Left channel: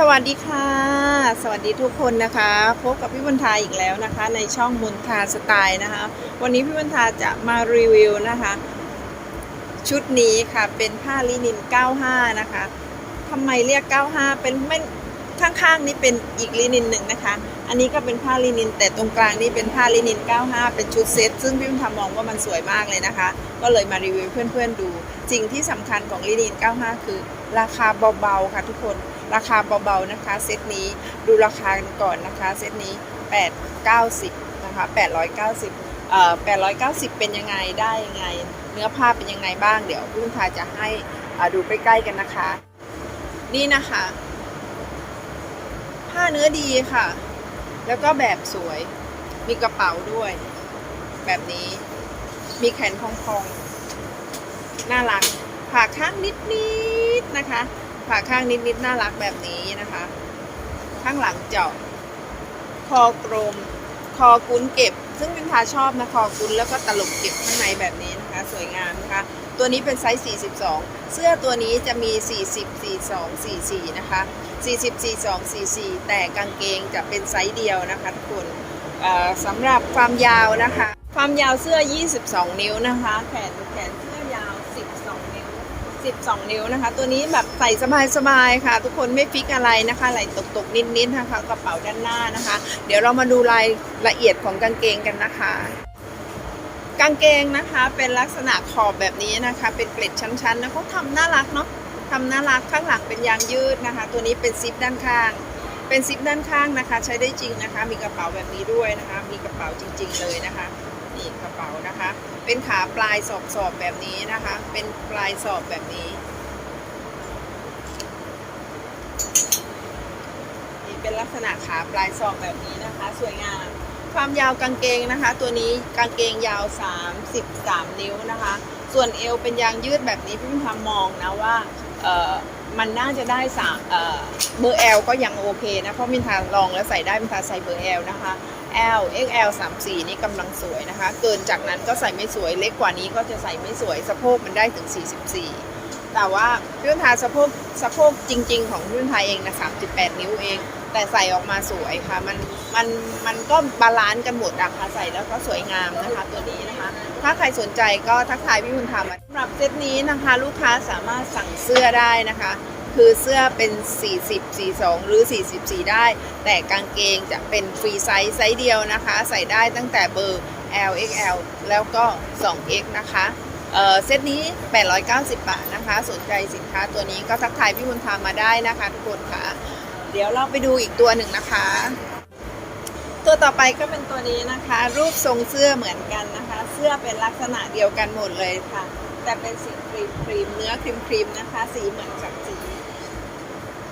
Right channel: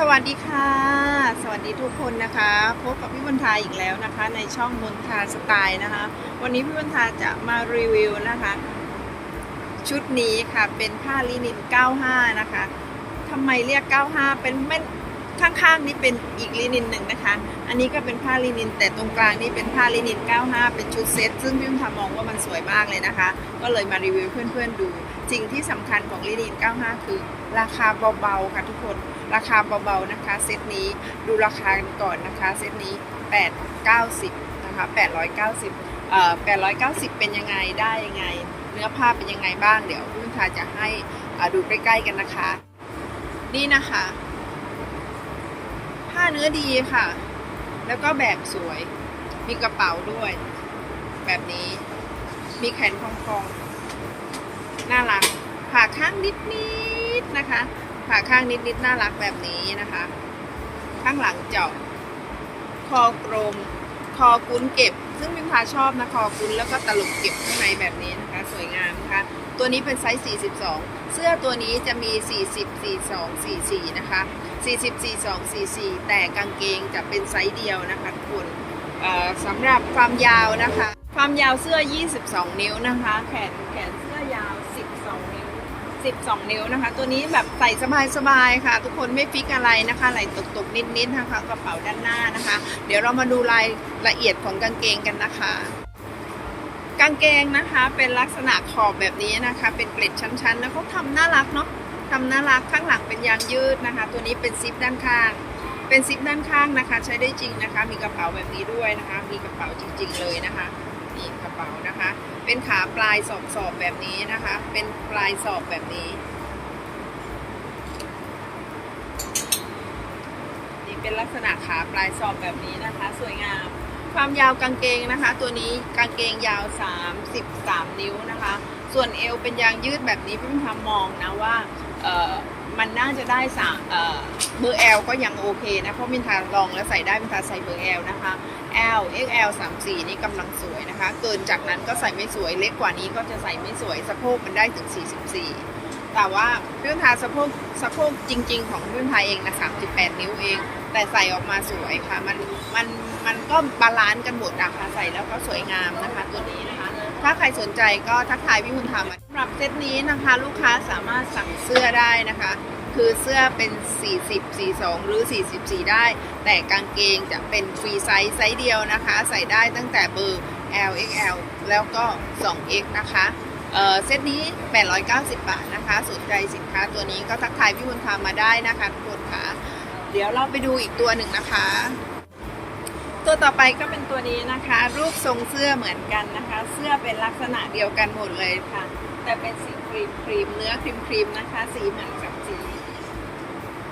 สวัสดีค่ะ สวัสดีทุกคนนะคะพบกับพี่บุญทาอีกแล้วนะคะ ในช่องบุญทาสไตล์นะคะ วันนี้พี่บุญทาจะมารีวิวนะคะ ชุดนี้ค่ะเป็นผ้าลินิน 95 นะคะทำไมเรียก 95 เป็นไม่ข้างๆนี่เป็นอีกลินินหนึ่งนะคะ อันนี้ก็เป็นผ้าลินิน แต่ตรงกลางนี่เป็นผ้าลินิน 95 เป็นชุดเซ็ตซึ่งพี่บุญทามองว่ามันสวยมากเลยนะคะ ก็เลยมารีวิวเพื่อนๆดูสิ่งที่สำคัญของลินิน 95 คือ ราคาเบาๆค่ะทุกคน ราคาเบาๆนะคะ เซตนี้ดูราคากันก่อนนะคะ เซตนี้ 890นะคะ890เอ่อ890 เป็นยังไงได้ยังไง เนื้อผ้าเป็นยังไงบ้างเดี๋ยวพี่งทาจะให้อ่าดูใกล้ๆกันนะคะ นี่นะคะ ผ้าเนื้อดีค่ะ แล้วก็แบบสวย มีกระเป๋าด้วย แบบนี้มีแขนพองๆน่ารักผ่าข้างนิดๆนะคะ ผ่าข้างนิดๆน่ารักแบบนี้นะคะ ข้างหลังเจาะคอกลมคอกุ้นเก็บ ซึ่งพิมพาชอบนะคอกุ้นแล้วก็ตลกเก็บข้างในแบบนี้นะคะ สวยงามนะคะ ตัวนี้เป็นไซส์ 42 เสื้อตัวนี้จะมี 40 42 44 นะคะ 40 42 44 แต่กางเกงจะเป็นไซส์เดียวนะคะทุกคนสำหรับความยาวนะคะ ความยาวเสื้อ 22 นิ้วนะคะ แขนแขนเสื้อ 12 นิ้วนะคะ ตัวนี้แบบใส่สบายๆค่ะ ทุกคนไม่ฟิกอะไรนะคะไหลตกๆนิดๆนะคะกระเป๋าด้านหน้านะคะ เดี๋ยวเรามาดูรายละเอียดของกางเกงกันนะคะกางเกงนะคะเป็นลักษณะขอบแบบนี้นะคะ เป็นเกล็ดชั้นๆนะเขาทำน่ารักเนาะทำน่ารักข้างหลังเป็นยางยืดนะคะ ตัวนี้เป็นซิปด้านข้าง เป็นซิปด้านข้างนะคะ ใช้ได้จริงนะคะ มีกระเป๋าแบบนี้ด้วยนะคะ มีกระเป๋าจริง ๆ เลยนะคะนี่กระเป๋านะคะ เป็นขาปลายสอบสอบแบบนี้นะคะ เป็นปลายสอบแบบนี้ นี่เป็นลักษณะขาปลายสอบแบบนี้นะคะ สวยงาม ความยาวกางเกงนะคะ ตัวนี้กางเกงยาว 33 นิ้วนะคะ ส่วนเอวเป็นยางยืดแบบนี้พี่พิมพามองนะว่าเออ มันน่าจะได้สามเบอร์ L ก็ยังโอเคนะ เพราะมินทาลองแล้วใส่ได้มินทาใส่เบอร์ L นะคะ L XL 34 นี่กำลังสวยนะคะ เกินจากนั้นก็ใส่ไม่สวย เล็กกว่านี้ก็จะใส่ไม่สวย สะโพกมันได้ถึง 44 แต่ว่าพี่พิมทาสะโพกสะโพกจริง ๆ ของพี่พิมทาเองนะ 38 นิ้วเอง แต่ใส่ออกมาสวยค่ะ มัน มัน มันก็บาลานซ์กันหมดอะค่ะ ใส่แล้วก็สวยงามนะคะตัวนี้ ถ้าใครสนใจก็ทักทายพี่คุณทำสำหรับเซตนี้นะคะลูกค้าสามารถสั่งเสื้อได้นะคะ คือเสื้อเป็น 40 42 หรือ 44 ได้ แต่กางเกงจะเป็นฟรีไซส์ไซส์เดียวนะคะ ใส่ได้ตั้งแต่เบอร์ L XL แล้วก็ 2X นะคะเออเซตนี้ 890 บาทนะคะ สนใจสินค้าตัวนี้ก็ทักทายพี่บุญธรรมมาได้นะคะทุกคนค่ะ เดี๋ยวเราไปดูอีกตัวหนึ่งนะคะ ตัวต่อไปก็เป็นตัวนี้นะคะ รูปทรงเสื้อเหมือนกันนะคะ เสื้อเป็นลักษณะเดียวกันหมดเลยค่ะ แต่เป็นสีครีมครีมเนื้อครีมครีมนะคะ สีเหมือนกับสี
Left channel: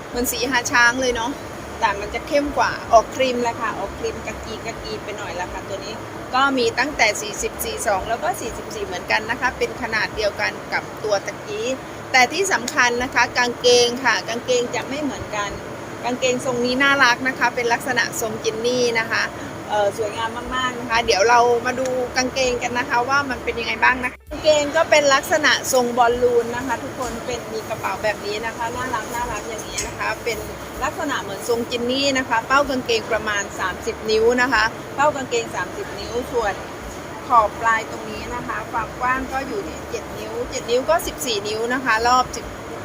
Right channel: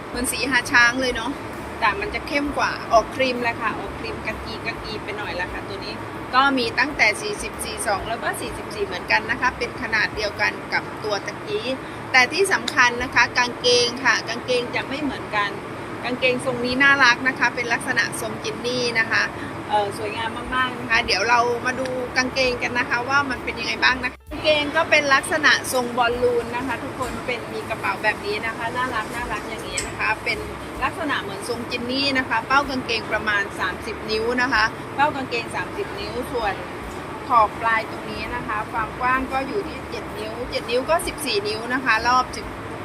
เหมือนสีหาช้างเลยเนาะแต่มันจะเข้มกว่าออกครีมแหละค่ะออกครีมกะกีกะกีไปหน่อยละค่ะตัวนี้ก็มีตั้งแต่ 40 42 แล้วก็ 44 เหมือนกันนะคะ เป็นขนาดเดียวกันกับตัวตะกี้ แต่ที่สำคัญนะคะ กางเกงค่ะ กางเกงจะไม่เหมือนกัน กางเกงทรงนี้น่ารักนะคะ เป็นลักษณะทรงจินนี่นะคะสวยงามมากๆนะคะ เดี๋ยวเรามาดูกางเกงกันนะคะ ว่ามันเป็นยังไงบ้างนะคะกางเกงก็เป็นลักษณะทรงบอลลูนนะคะ ทุกคนเป็นมีกระเป๋าแบบนี้นะคะน่ารักน่ารักอย่างนี้นะคะ เป็นลักษณะเหมือนทรงจินนี่นะคะเป้ากางเกงประมาณ 30 นิ้วนะคะเป้ากางเกง 30 นิ้วส่วนขอบปลายตรงนี้นะคะ ความกว้างก็อยู่ที่ 7 นิ้ว 7 นิ้วก็ 14 นิ้วนะคะ รอบ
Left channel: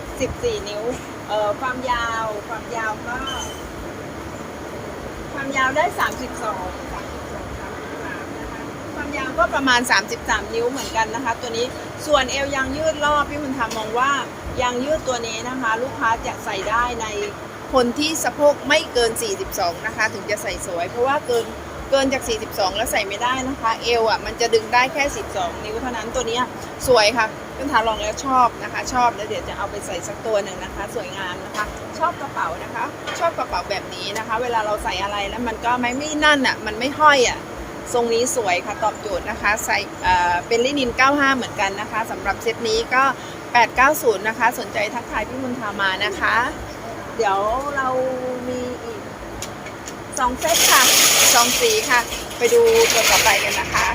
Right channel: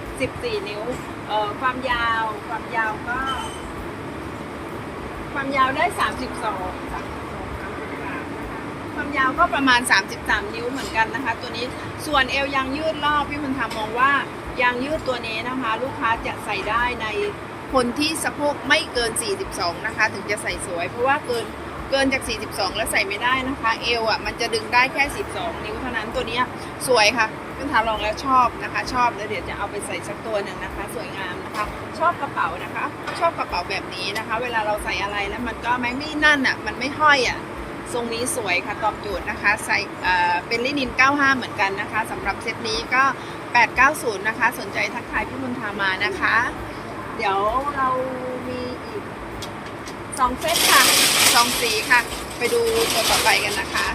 14นิ้ว เอ่อความยาวความยาวก็ ความยาวได้32 32 33นะคะความยาวก็ประมาณ33นิ้วเหมือนกันนะคะ ตัวนี้ส่วนเอวยางยืดรอบพี่คุณทำมองว่ายางยืดตัวนี้นะคะ ลูกค้าจะใส่ได้ในคนที่สะโพกไม่เกิน 42 นะคะ ถึงจะใส่สวย เพราะว่าเกิน เกินจาก 42 แล้วใส่ไม่ได้นะคะ เอวอะมันจะดึงได้แค่ 12 นิ้วเท่านั้นตัวนี้สวยค่ะเพี่ทาลองแล้วชอบนะคะ ชอบแล้วเดี๋ยวจะเอาไปใส่สักตัวหนึ่งนะคะ สวยงามนะคะชอบกระเป๋านะคะ ชอบกระเป๋าแบบนี้นะคะ เวลาเราใส่อะไรแล้วมันก็ไม่ไม่นั่นอะมันไม่ห้อยอะทรงนี้สวยค่ะตอบโจทย์นะคะใส่เอ่อเป็นลินิน 95 เหมือนกันนะคะสำหรับเซตนี้ก็ 890 นะคะ สนใจทักทายพี่มุนทามานะคะ เดี๋ยวเรามีอีกสองเซตค่ะ สองสีค่ะ ไปดูตัวต่อไปกันนะคะ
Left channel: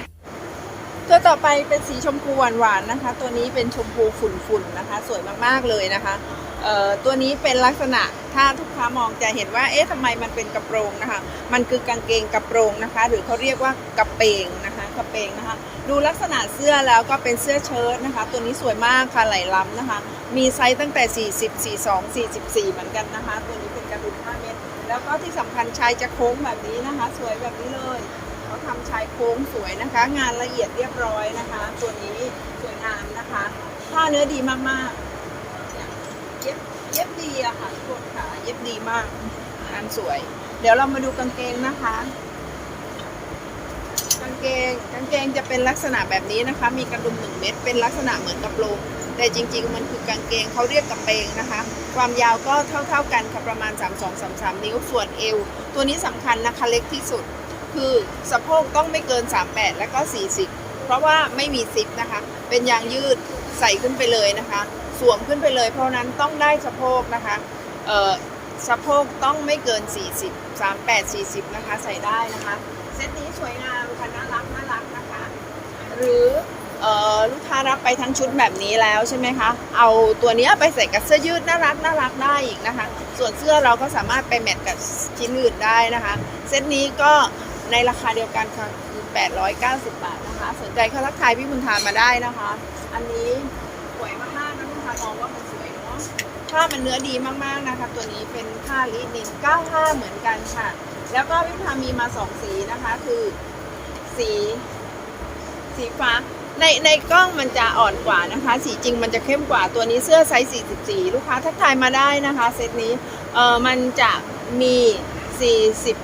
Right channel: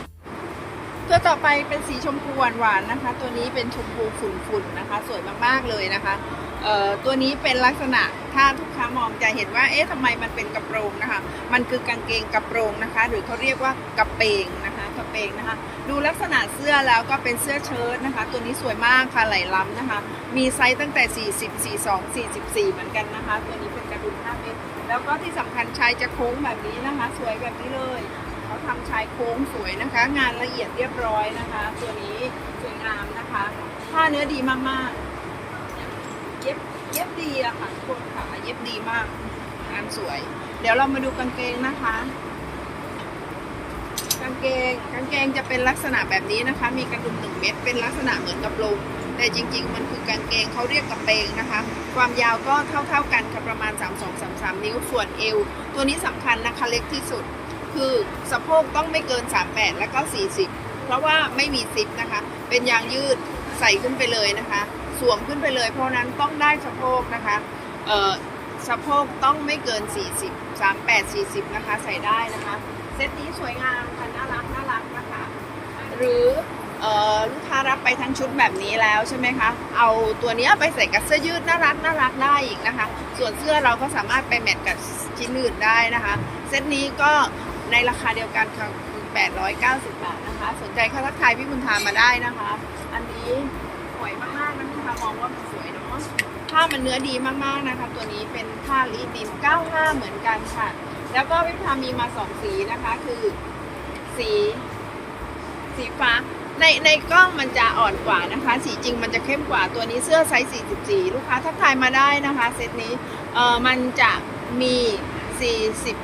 ตัวต่อไปเป็นสีชมพูหวานๆนะคะ ตัวนี้เป็นชมพูฝุ่นๆนะคะ สวยมากๆเลยนะคะเอ่อตัวนี้เป็นลักษณะถ้าทุกค้ามองจะเห็นว่าเอ๊ะทำไมมันเป็นกระโปรงนะคะ มันคือกางเกงกระโปรงนะคะ หรือเขาเรียกว่ากระเปงนะคะกระเปงนะคะ ดูลักษณะเสื้อแล้วก็เป็นเสื้อเชิ้ตนะคะ ตัวนี้สวยมากค่ะไหลล้ำนะคะ มีไซส์ตั้งแต่ 40 42 44 เหมือนกันนะคะ ตัวนี้เป็นกระดุม5เมตร แล้วก็ที่สำคัญชายจะโค้งแบบนี้นะคะ สวยแบบนี้เลยเขาทำชายโค้งสวยนะคะ งานละเอียดเรียบร้อยนะคะ ตัวนี้สวยงามนะคะผ้าเนื้อดีมากๆเย็บเย็บดีอะค่ะทุกคนค่ะเย็บดีมากงามสวย เดี๋ยวเรามาดูกางเกงนะคะ กางเกงกางเกงจะเป็นลักษณะแบบนี้นะคะ มีกระดุมหนึ่งเม็ดเป็นลักษณะเหมือนกระโปรงแต่จริงๆ มันคือกางเกงเขาเรียกกระเปงนะคะ ความยาวก็เท่าๆกันค่ะประมาณ 3 2 3 3 นิ้วส่วนเอว ตัวนี้สำคัญนะคะเล็กที่สุด คือสะโพกต้องไม่เกิน 38 แล้วก็ 40 เพราะว่าไม่มีซิปนะคะ เป็นยางยืดใส่ขึ้นไปเลยนะคะ สวมขึ้นไปเลย เพราะนั้นต้องได้สะโพกนะคะสะโพกต้องไม่เกิน 40 38 40 นะคะใส่ได้นะคะ เซตนี้สวยงามค่ะน่ารักน่ารักนะคะ หรือลูกค้ารับไปทั้งชุดแบบนี้แล้วใช่ไหมคะ เอาตัวนี้ไปใส่กับเสื้อยืดน่ารักน่ารักได้อีกนะคะ ส่วนเสื้อเราก็สามารถไปแมทกับชิ้นอื่นได้นะคะ เซตนี้ก็ในราคาเดียวกันค่ะคือ890 บาทนะคะ สนใจเข้าทักทายพี่บุญทามาได้นะคะ อันนี้สวยมากๆนะคุณทามองว่ามันสวยเนาะ ผ้ามันเนื้อดีมากๆนะคะ ตัวนี้เป็นผ้าลินิน95 เหมือนกันค่ะ แล้วก็พี่บุญทามีมาสองสีนะคะ คือสี สีฟ้า ในในกล้องมันจะอ่อนกว่านะคะ สีจริงมันจะเข้มกว่าตัวนี้เสื้อไซส์ 44 ลูกค้าทักทายมาได้นะคะเซตนี้เออมันจะมี 40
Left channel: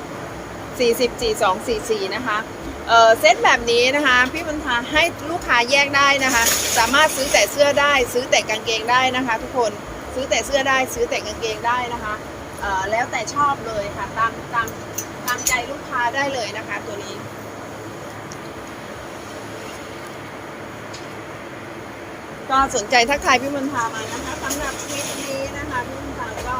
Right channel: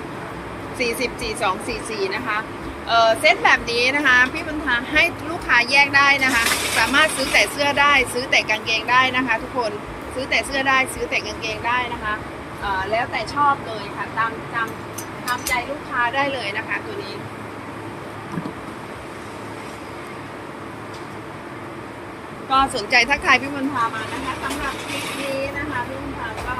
40 42 44 นะคะเออเซตแบบนี้นะคะพี่บุญทาให้ลูกค้าแยกได้นะคะ สามารถซื้อแต่เสื้อได้ ซื้อแต่กางเกงได้นะคะ ทุกคนซื้อแต่เสื้อได้ซื้อแต่กางเกงได้นะคะ แล้วแต่ชอบเลยค่ะ ตามตามตามใจลูกค้าได้เลยนะคะ ตัวนี้ก็สนใจทักทายพี่มนทามานะคะสำหรับคลิปนี้นะคะพี่มนทาก็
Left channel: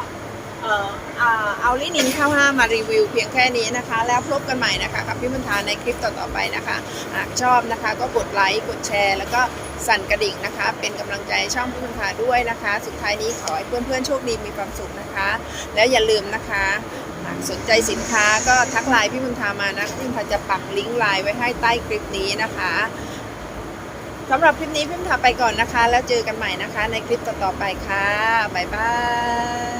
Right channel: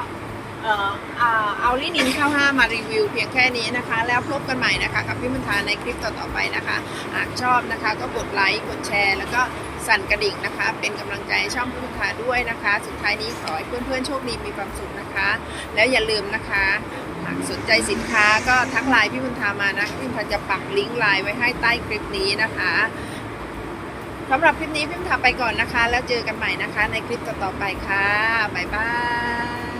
เอาลินินข้าวห้ามารีวิวเพียงแค่นี้นะคะ แล้วพบกันใหม่นะคะกับพี่มนทาในคลิปต่อๆไปนะคะ หากชอบนะคะก็กดไลค์กดแชร์ แล้วก็สั่นกระดิ่งนะคะ เป็นกำลังใจช่องพี่มนทาด้วยนะคะ สุดท้ายนี้ขอให้เพื่อนๆโชคดีมีความสุขนะคะ แล้วอย่าลืมนะคะหากสนใจสินค้าก็ทักไลน์พี่มนทามานะพี่มนทาจะปักลิงก์ไลน์ไว้ให้ใต้คลิปนี้นะคะสำหรับคลิปนี้พิมพ์ทาไปก่อนนะคะ แล้วเจอกันใหม่นะคะ ในคลิปต่อๆไปค่ะ บ๊ายบาย